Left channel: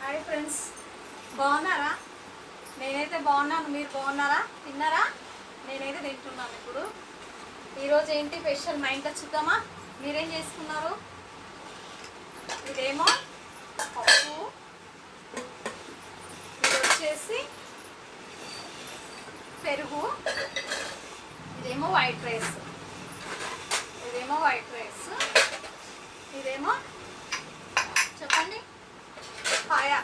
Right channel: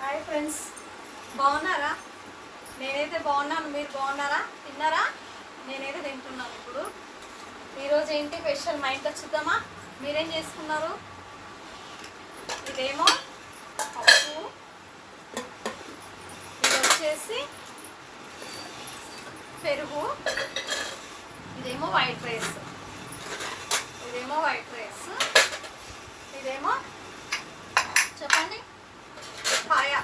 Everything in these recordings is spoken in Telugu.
హాయ్ ఫ్రెండ్స్, బాగున్నారా? నేనైతే బాగున్నాను. మీరు బాగున్నారా? తిన్నారా? నేనైతే తింటున్నాను. ఇప్పుడు ఈరోజు ఏంటి స్పెషల్ మా ఇంట్లో చూద్దామా? మీరేం చేసుకున్నారు? ఇదేమో పప్పు, ఇది వచ్చేసి పెరుగు, ఇదేమో వైట్ రైస్, ఇదేమో చెప్పండి పాయ.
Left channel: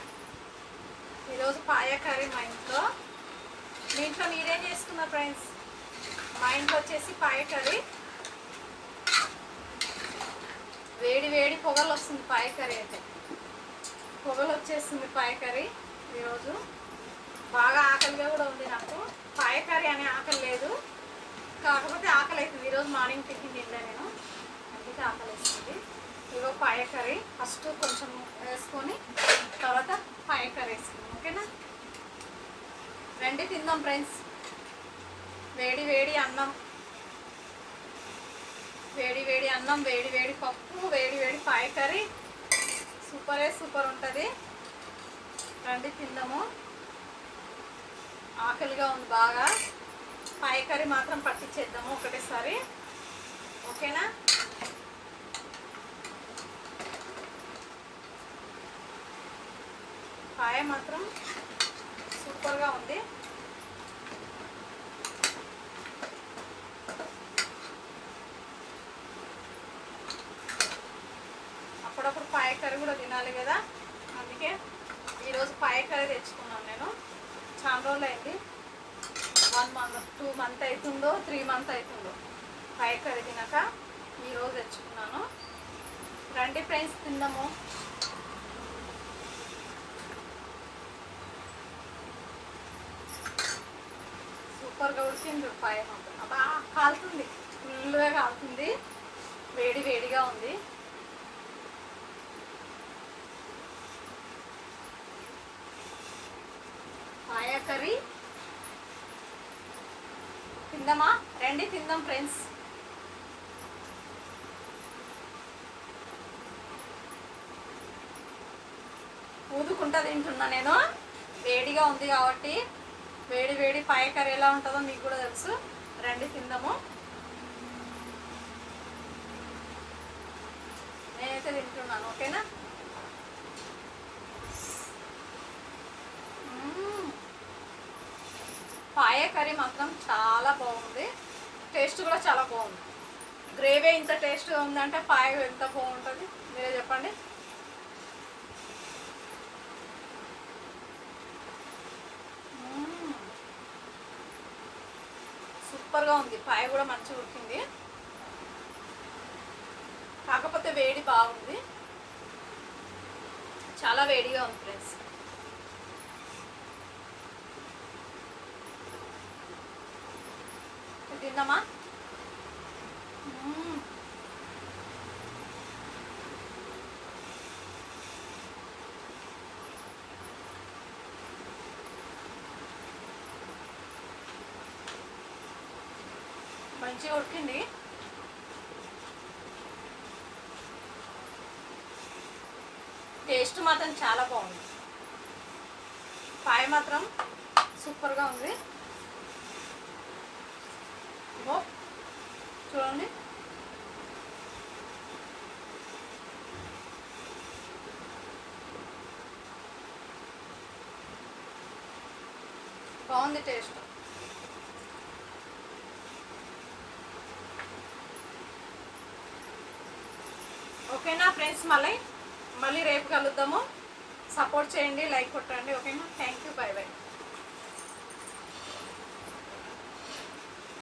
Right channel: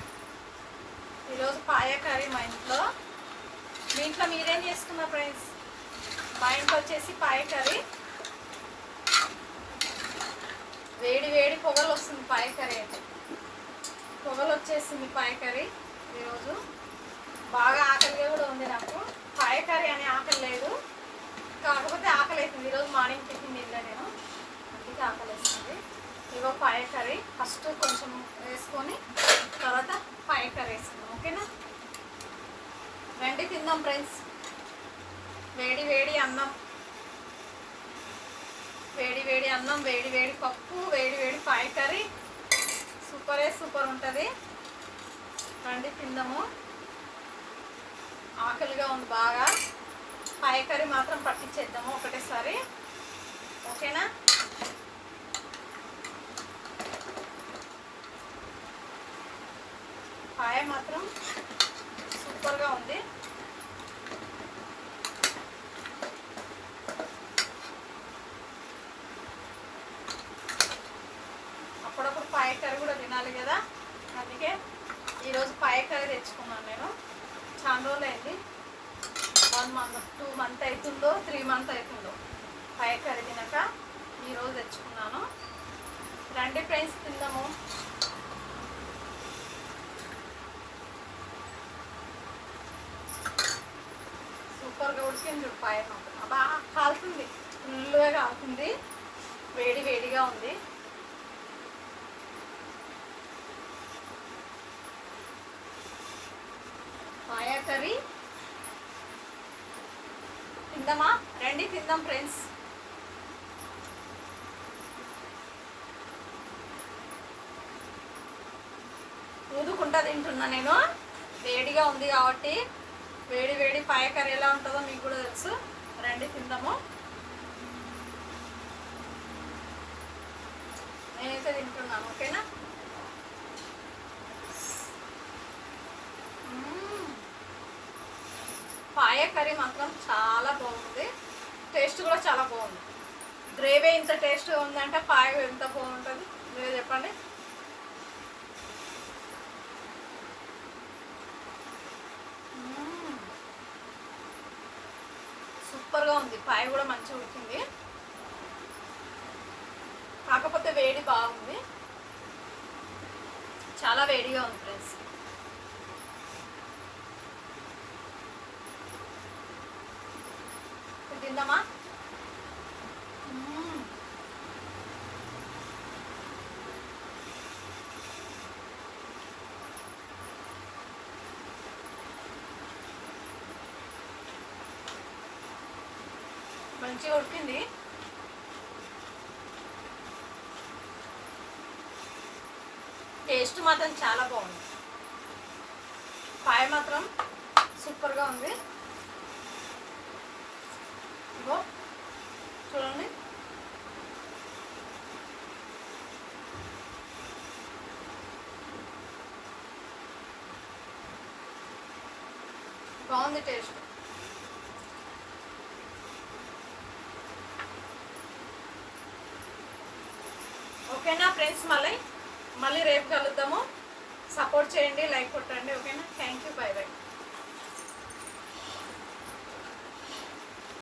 ఈరోజు పాయ కర్రీ మా ఇంట్లో. మీ ఇంట్లో మీరేం చేసుకున్నారు ఫ్రెండ్స్? మా ఇంట్లో వచ్చేసి పాయ కర్రీ. వేడి వేడి పొగలు వస్తుంది పాయ కర్రీ అయితే. పొగలు వచ్చేస్తుంది పాయ కర్రీ. ఈరోజు బాగా ఆకలిగా కూడా ఉంది నాకు. పాయ కర్రీ అనే ఆకలి లేదు, కాకపోతే ఆకలి అవుతుంది. ఈరోజు మార్నింగ్ టిఫిన్ తినలే నేను, అందుకే ఆకలి వేస్తుంది. ఇగో పాయ కర్రీ ఫస్ట్ కొంచెం వేసుకొని తర్వాత పాయ కర్రీ వేసుకున్నాం. ఓకేనా? రండి తిందాం ఫ్రెండ్స్. వేడి వేడి అన్నం, వేడి వేడి అన్నం, వేడి వేడి పప్పు, వేడి వేడి పాయ కర్రీ, సూపర్ ఉంటుంది. రండి తిందాము. ఆకలిగా ఉంది బాగా. పాయ కర్రీ మాత్రం పట్టించేద్దాము ఒకటేసారి. ఓకేనా? పాయ మాత్రం సూపర్గా ఉంది. అప్పుడప్పుడు పాయ కర్రీ కూడా తినాలి కదా, అందుకే ఈరోజు పాయ కర్రీ తెచ్చుకున్నాను నేను. చాలా రోజులు అయింది, 1 month 2 month అవుతుందో 3 month అవుతుందో పాయ కర్రీ తినక. ఈరోజు తెచ్చుకున్నాను. రండి ఫ్రెండ్స్ తిందాము. సూపర్గా ఉడికింది పాయ మాత్రం. అబ్బా కాలుతుంది, ఫుల్గా కాలుతుంది, వేడి వేడిగా ఉంది. పాయ కర్రీ తిందామా? రండి తిందాం ఫ్రెండ్స్. ఊదుకుంటా తింటున్నా నేను, వేడిగా ఉంది కాబట్టి. వేడి వేడి పాయ కర్రీ ఎలా ఉంటుందో మీకు కూడా తెలుసు. రండి తిందాము. నేనైతే తింటున్నాను. ఓకేనా? పాయ కర్రీ మాత్రం చాలా బాగుంది, టేస్ట్ కూడా చాలా బాగుంది. గ్రేవీ ఇంత టేస్ట్గా ఉందంటే పాయ ఎంత బాగుంటుంది మీరే చెప్పండి. సూపర్గా ఉంది. పాయ కూడా మంచిగా ఉడికింది, కాకపోతే వేడి బాగుంది, చాలా వేడిగా ఉంది ఫ్రెండ్స్. తిందామా? మంచిగా ఉడికింది. టేస్ట్ మాత్రం చాలా బాగుంది. పాయ మాత్రం సూపర్గా ఉంది. ఇగో చూడండి, బాగుంది టేస్ట్. ఓకేనా ఫ్రెండ్స్? మళ్ళీ రేపు కలుద్దాము. సపోర్ట్ చేయండి, లైక్ కొట్టండి. ఓకేనా?